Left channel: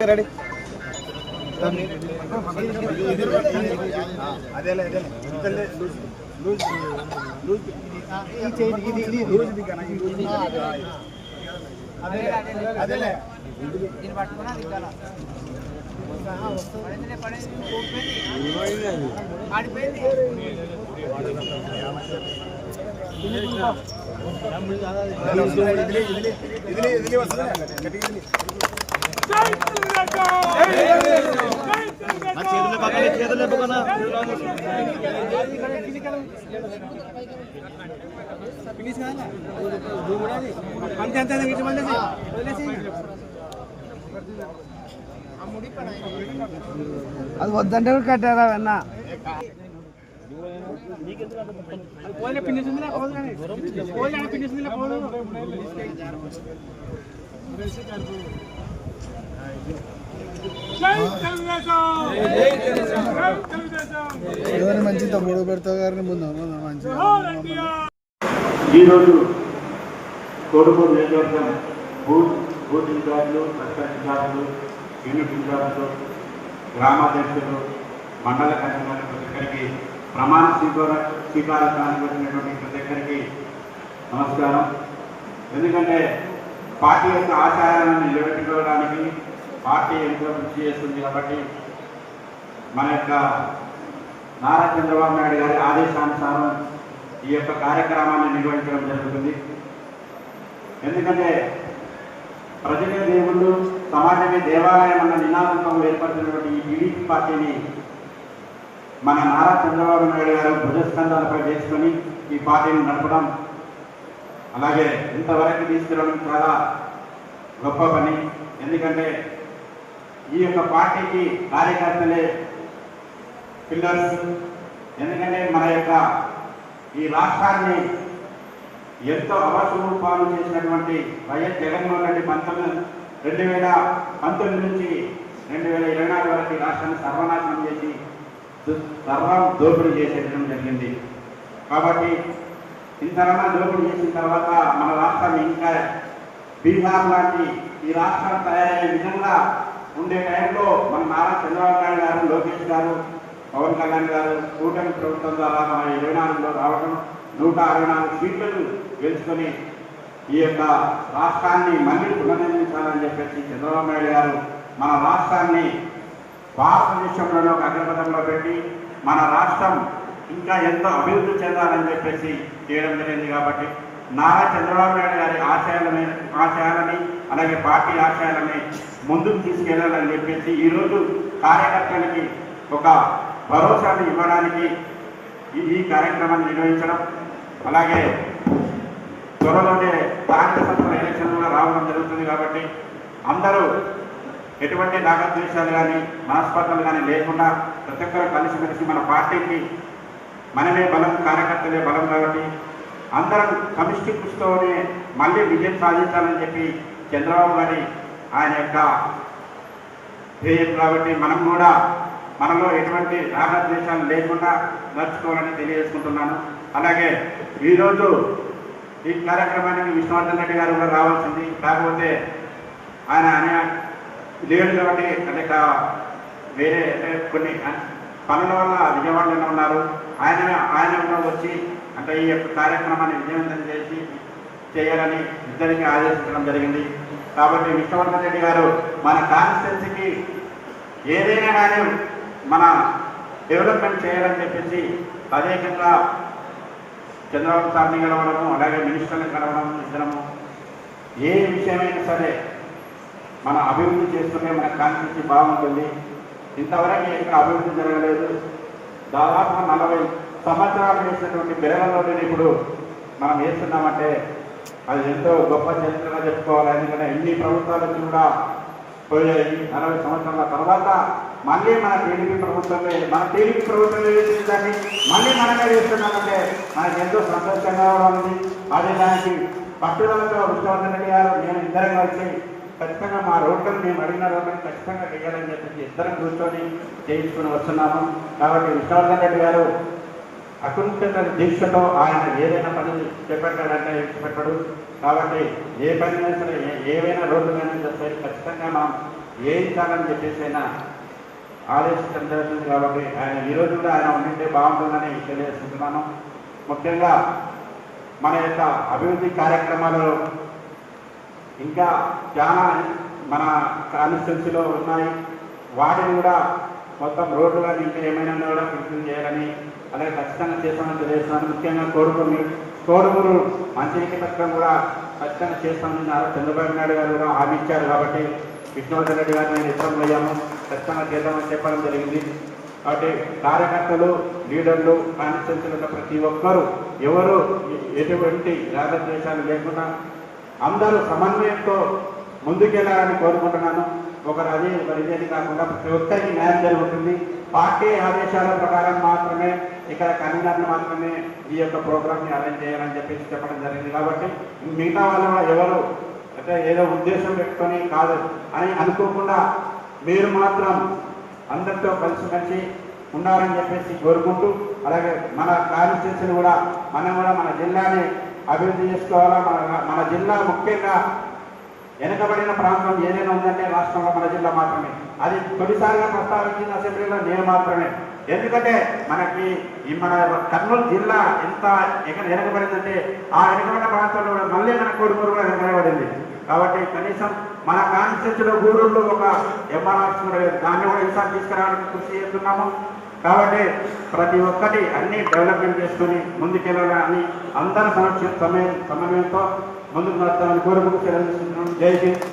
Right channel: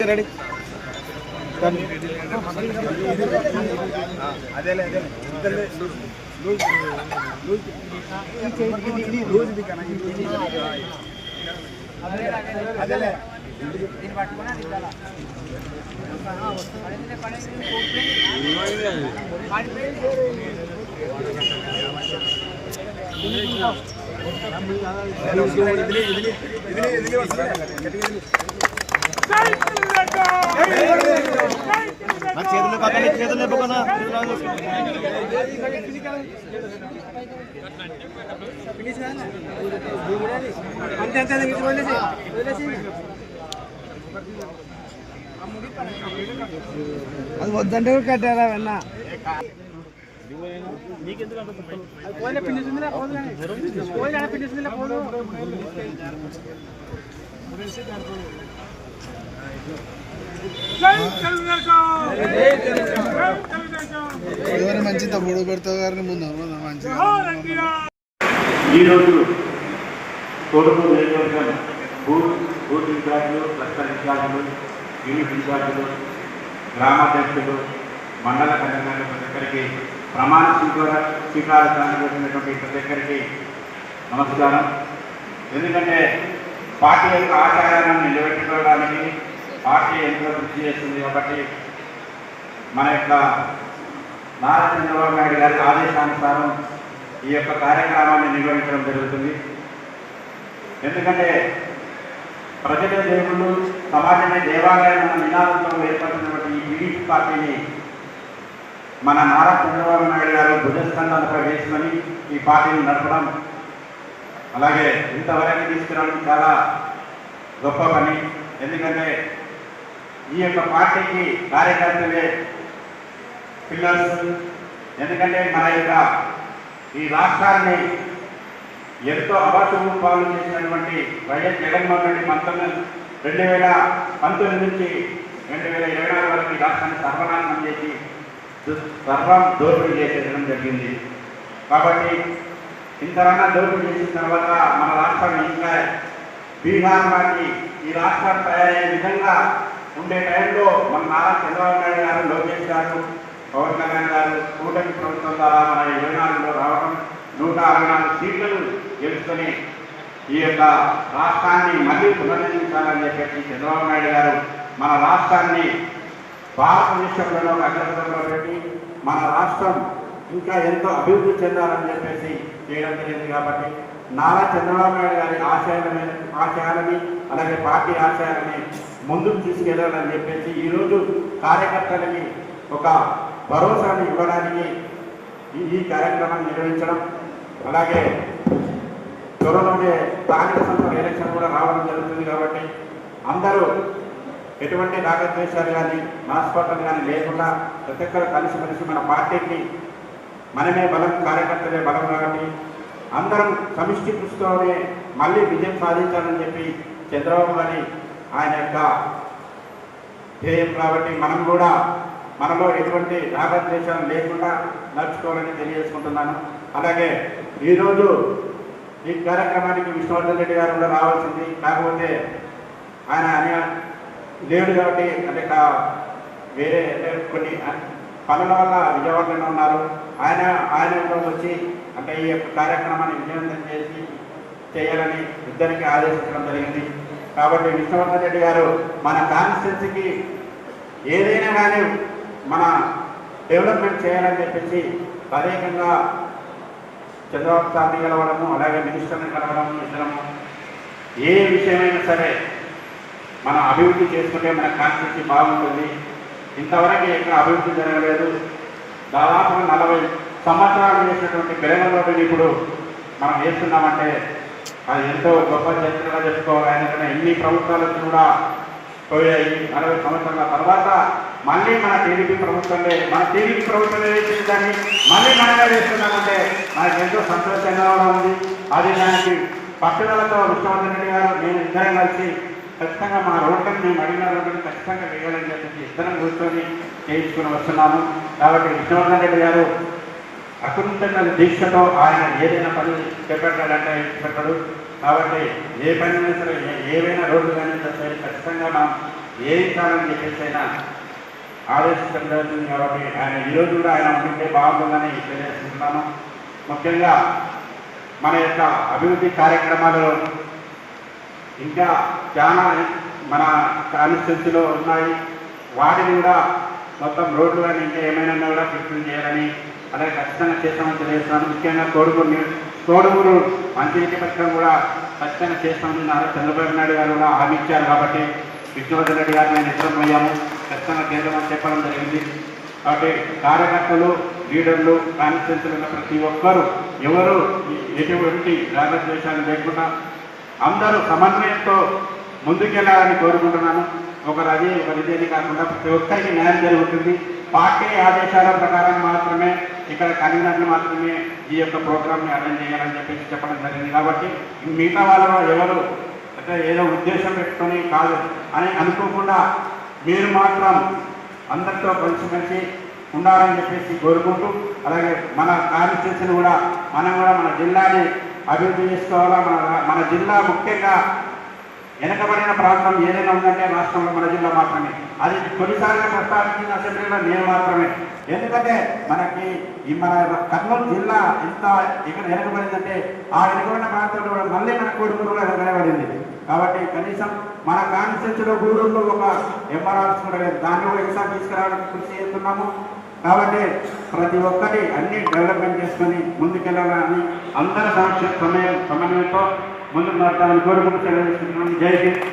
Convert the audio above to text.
Ready అదేలే దీన్ని పట్టుకుని అది చాలా చేతులు పక్కన అది వద్దంటే కూడా కట్టారా వెన్న ఎవరు మంచి గొడవ పెడతావు గారిని ముందు మంచిగా ఈరోజు తోడుకు బూత్ ఇన్ఛార్జులు సర్పంచ్ ఇన్ఛార్జులు యూనిట్ ఇన్ఛార్జులు గ్రామాధ్యక్షులు మండల కన్వీనర్ ప్రతి ఒక్కరికి ప్రమాణ స్వీకారానికి వచ్చినటువంటి ప్రతి ఒక్కరికి నమస్కారం. ఎందుకంటే పార్టీ యొక్క ఆచారాలను నిలబెట్టుకోవడానికి పార్టీ ఎంతో కృషి చేస్తుంది కాబట్టి మన యొక్క నారా చంద్రబాబు నాయుడు గారి ఆదేశానుసారం ఈ యొక్క కార్యక్రమాన్ని నిర్వహించడం జరుగుతుంది. ఎందుకంటే ప్రజల దేవుళ్ళు సమాజమే దేవాలయం అన్న నినాదంతో ఏర్పడుతున్నటువంటి ఈ టీడీపీ పార్టీని మన నారా చంద్రబాబు నాయుడు గారు భుజస్కంధాలపై వేసుకొని ఈ పార్టీని నడపడం, అలాగే ఇంతవరకు తీసుకురావడం చాలా గొప్ప పని. ఎందుకంటే ఈ యొక్క పార్టీకి కార్యకర్తలే పిల్లర్స్. ఎందుకంటే మన యొక్క ఈ రాష్ట్రాన్ని ఎంతో అభాషణ పాలన చేసినటువంటి వైఎస్ జగన్మోహన్ రెడ్డి 2019 నుంచి 2024 వరకు ఈ రాష్ట్రాన్ని సర్వనాశనం చేసి సర్వం దోపిడీ చేసేయడం జరిగింది. కాబట్టి ఇంతకన్నా దోపిడీ చేసిన తర్వాత మన రాష్ట్రం ఇంకా బీహార్ లాంటి ఈ రాష్ట్రం తయారయ్యే విధంగా ఉండే టైంలో మన నారా చంద్రబాబు నాయుడు గారు, లోకేష్ గారు, పవన్ కళ్యాణ్ గారు కూటమి ప్రభుత్వం ద్వారా మన 24లో రావడం 164 సీట్లను గెలుచుకొని ఈ యొక్క రాష్ట్రాన్ని మళ్ళీ పునర్నిర్మించాలని చెప్పేసి చంద్రబాబు నాయుడు గారు మన రాష్ట్రాన్ని భారతదేశంలో అగ్రపథంలో పెట్టి మన రాష్ట్రం ఇంకా ఎంతో అభివృద్ధి చెందాలని చెప్పేసి చేయడం జరిగింది. కాబట్టి నారా చంద్రబాబు నాయుడు గారి ఆశయాలని అలాగే పార్టీ ఆశయాలని ముందుకు తీసుకెళ్లాలని చెప్పేసి ఈరోజు కార్యకర్తలకి ఒక భరోసాను ఇవ్వడానికి ఈ కార్యక్రమాన్ని నిర్వహించడం, అలాగే త్వరలోనే స్థానిక సంస్థల ఎలక్షన్ కూడా రావడం జరుగుతుంది. కాబట్టి అందరూ ఎటువంటి రాగద్వేషాలు కానీ నాస్పదలు కానీ లేకుండా ప్రతి ఒక్కరు కలిసిమెలిసి మన పార్టీకి మనమే బలం, కార్యకర్తలే బలం కాబట్టి అందరం సమిష్టి కృషితోనే మళ్ళీ విజయం సాధించాలని చెప్పి చంద్రబాబు గారి ఆయన యొక్క ధ్యేయం. కాబట్టి మనం కూడా మనలో ఎటువంటి రాగద్వేషాలు లేకుండా నడుచుకోవాలని తెలియజేసుకుంటున్నాను. అలాగే ఈరోజు ఈ కార్యక్రమానికి విష్ణువర్ధన్ రెడ్డి గారు కూడా రావాల్సింది, కాకపోతే ఆయన లేడు కాబట్టి అంటే వేరే కొన్ని పనుల వల్ల విజయవాడలో ఉన్నారు. ఆయన కూడా వచ్చి అంటే ఈ యొక్క కార్యక్రమాన్ని విజయవంతం చేయాలని ఇద్దరికి ఆదేశించడం జరిగింది. కాబట్టి విష్ణువర్ధన్ రెడ్డి గారు మన కాన్స్టిట్యున్సీకి ఏదైనా కానీ మన డెవలప్మెంట్ చేయాలని చెప్పేసి తదేకంగా చంద్రబాబు సార్ని కలవడము, అలాగే మినిస్టర్ని కలవడం, ఇద్దరం ఏ విషయమైనా సరే మన అభివృద్ధి చేసుకుంటే మన కాన్స్టిట్యున్సీ బాగుంటుంది. ఇంతవరకు ఎక్కడ అభివృద్ధి జరగలేదు. దాదాపు 40 సంవత్సరాలు చేసినటువంటి బెరగంలోని ఇప్పుడు మనం వేస్తున్నామంటే అది ఎంతో గొప్ప చరిత్రగా చెప్పుకోవాలి. ఎందుకంటే ఇన్ని ప్రభుత్వాలు కూడా పోయాయి. 40 సంవత్సరాల తర్వాత మళ్ళీ మన టీడీపీ ప్రభుత్వమే వేసిన దాన్ని మళ్ళీ మనమే వేస్తున్నామంటే మన నాకెంతో సంతోషంగా ఉంది. అది దానికి పట్టుదలతో విశ్వనాథన్ రెడ్డి గారు నేను ఇద్దరం కలిసి ఖచ్చితంగా మా రోడ్లను మేము అడిగిన రోడ్లను ఖచ్చితంగా వేయాలని చెప్పి ఇద్దరం కూర్చొని చేయించుకొని వస్తున్నాము. కాబట్టి విశ్వనాథన్ రెడ్డి గారు అకుంఠిత దీక్షతో ఆయన ఏదైనా పని చేపట్టాలంటే పెట్టాడు. కాబట్టి ఏ పని సరే ఏవైనా రోడ్లైనా సరే ఖచ్చితంగా మనం చేయించాలని చెప్పేసి ఆయన ఆలోచించడం జరుగుతుంది. కాబట్టి ఆయన ఈరోజు కూడా ఆయన ఉంటే బాగుంటుందని తెలియజేస్తున్నాను. ముఖ్యంగా మన యొక్క అభివృద్ధి కార్యక్రమాలు ఇంకా చాలా మన కాన్స్టిట్యున్సీలో ఉన్నాయి. వాటిని కూడా మొత్తం రోడ్లు కానీ ఇంకా ఏమైనా కూడా ఫిక్సింగ్ చేయాలని అలాగే ఖచ్చితంగా చేస్తామని తెలియజేస్తున్నాను. ముఖ్యంగా కోడుమూరు మంచినీటి పథకం కూడా ఖచ్చితంగా చేస్తామని చంద్రబాబు నాయుడు గారు కూడా హామీ ఇచ్చారు. కాబట్టి విష్ణువర్ధన్ రెడ్డి గారు నేను ఇష్టమయ్యాను, ఖచ్చితంగా చేద్దామని చెప్పడం జరిగింది. కాబట్టి కార్యకర్తలు లీడర్లు కాన్స్టిట్యున్సీలో ఉన్న ప్రతి ఒక్కరూ ఎవరు ఎటువంటి రాగద్వేషాలు లేకుండా అందరూ సమన్వయంతో ముందుకెళ్ళాలని కోరుకుంటున్నాను. ఒకరు అది ఒకరిది కాకుండా ప్రతి ఒక్కరికి న్యాయం జరుగుతుంది. పార్టీ ఆదేశాల ప్రకారం మాత్రమే ఇక్కడ కన్వీనర్లు మాత్రమే ఈ యొక్క ప్రోగ్రామ్ని అటెండ్ చేయాలని చెప్పేసి చెప్పడం జరిగింది. కాబట్టి మిగతా వాళ్ళు ఎవరు అంటే ఏదో ఉద్దేశం పెట్టుకొని కాదు అని అనుకోకుండా మీరు మాత్రం అందరితో కలిసిమెలిసి ఉండాలని చెప్పేసి కోరుకుంటూ, అలాగే మన కాన్స్టిట్యూన్సీని కూడా మనం కూడా మన జిల్లాని అభివృద్ధి చేసుకోవాలా. మన జిల్లా ముఖ్యంగా వెనకబడిన ప్రాంతం ఏదైనా ఉందంటే రాష్ట్రంలో మన జిల్లా మాత్రమే. అది కొన్నిసార్లు ప్రస్తావించిన అసెంబ్లీలో నేను మాత్రమే. ఎందుకంటే మనకి మన కర్నూలు జిల్లా ఎంత వెనకబడిందంటే ఆ వెనకబడిన ప్రాంతంలో మళ్ళీ మన కోరుకుంటూ వెనకబడింది. కాబట్టి కనీసం మన కాన్స్టిట్యూన్సీలో ఊళ్ళో ఒక ఎంఆర్ఆర్స్ కూడా దాన్ని కూడా ఈసారి తీసుకురావడానికి కృషి చేస్తున్నాము. కాబట్టి ప్రతి ఒక్కటి అన్ని డెవలప్మెంట్ చేసుకొని ముందుకెళ్ళాలని అందరి సమన్వయంతో ముందుకు నడతాలని కోరుకుంటూ సెలవు తీసుకుంటున్నాను. జై హింద్.